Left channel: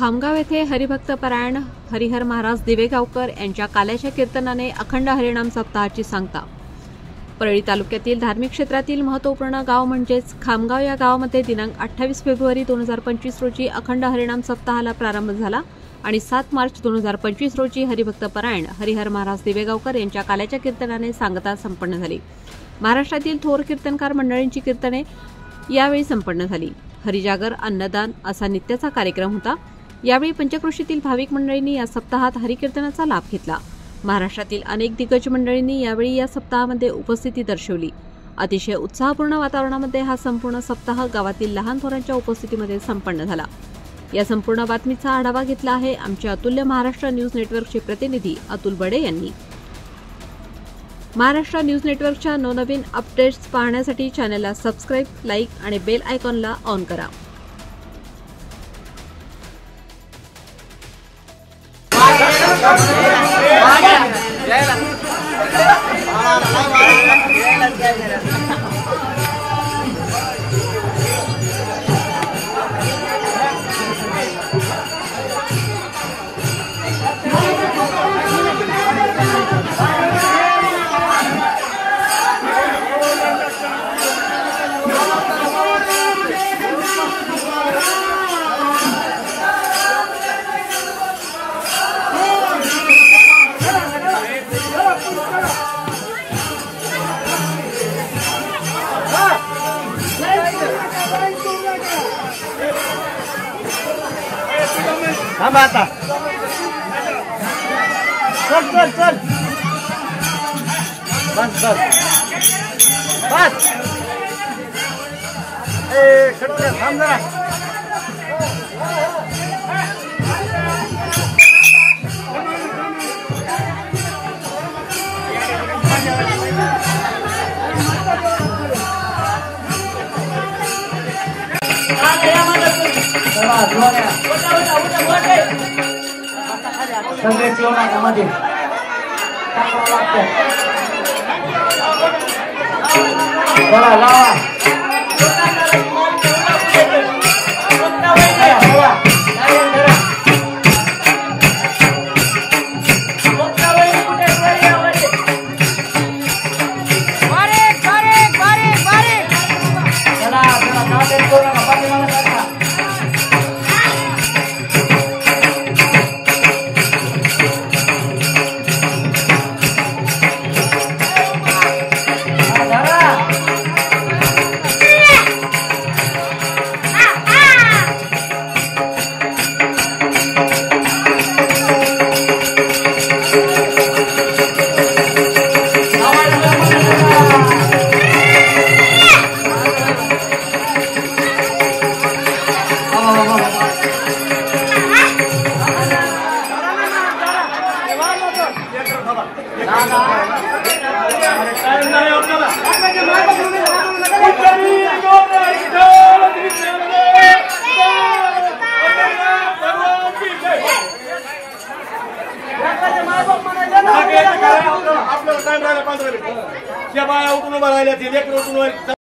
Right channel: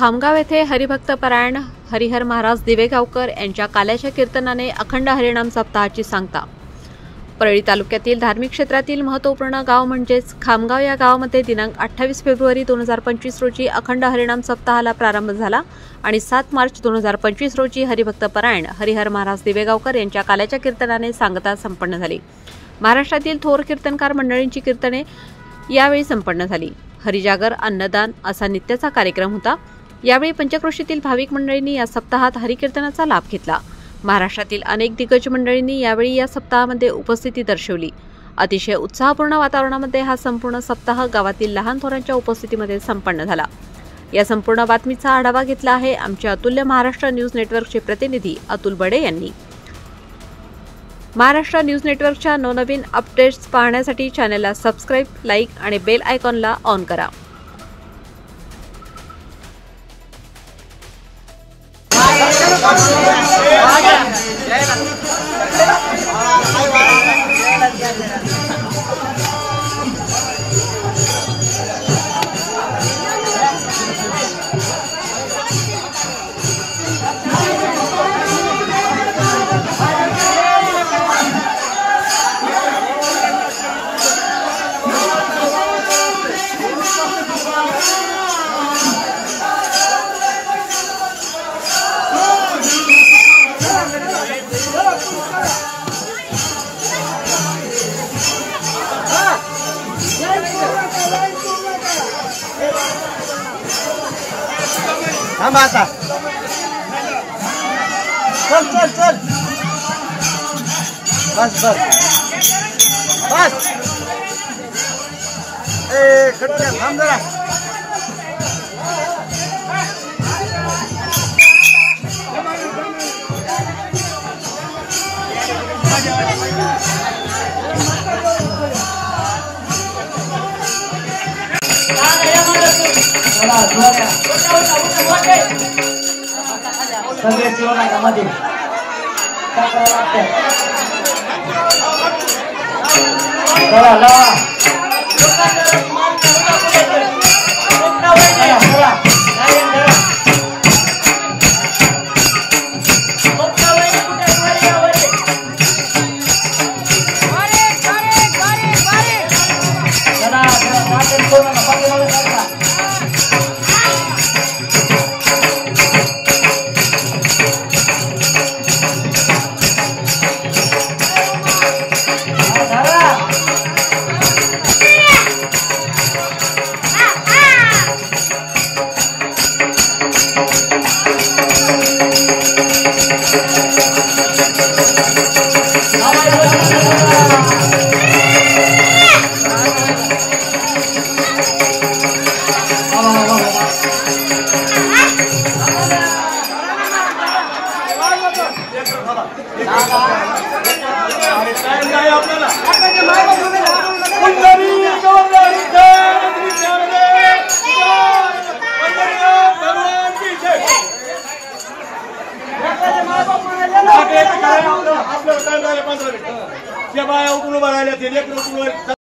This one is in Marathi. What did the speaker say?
खामगाव येथे हरिभक्त परायण हरिहर महाराज दिवेगावकर यांच्या काल्याच्या कीर्तनाने अखंड हरिनाम सप्ताहाची सांगता। परळी तालुक्यातील धार्मिक क्षेत्रातील महत्त्वपूर्ण गाव म्हणजेच खामगाव या गावामध्ये दिनांक 28 फेब्रुवारी 2025 रोजी अखंड हरिनाम सप्ताहाला प्रारंभ झाला आणि 7 मार्च 2025 रोजी हरिभक्त परायण हरिहर महाराज दिवेगावकर यांच्या काल्याच्या कीर्तनाने सांगता संपन्न झाली। महाराष्ट्रातील थोर कीर्तनकार मंडळींची कीर्तने यावेळी संपन्न झाली। हरिजागर अन्नदान असा नित्याचा कार्यक्रम होता। यावेळी पंचक्रोशीतील भाविक मंडळींनी या सप्ताहात हरिकीर्तनाचा लाभ घेतला। महाराष्ट्रातील अनेक दिग्गज मंडळींनी यावेळी या सप्ताहामध्ये उपस्थिती दर्शवली। अतिशय उत्साहपूर्ण वातावरणामध्ये हा संपूर्ण सप्ताह गावातील लहान थोरांच्या उपस्थितीमध्ये संपन्न झाला। या संपूर्ण बातमीचा आढावा घेतला आहे आमचे अतुल्य महाराष्ट्र न्यूज नेटवर्कचे प्रतिनिधी अतुल बडे यांनी। महाराष्ट्र न्यूज नेटवर्कच्या नवनवीन अपडेट्स पाहण्यासाठी चॅनलला सबस्क्राइब, लाईक आणि बेल आयकॉनला ऑन करा। हम आता चल चल चल बस बस बस खड़े थांब जरा सगळे जीवनामध्ये आपलं टाइम राहिला 15 मिनिट. त्या बाया उठून उभा राहिल्या ते लेकरं उठून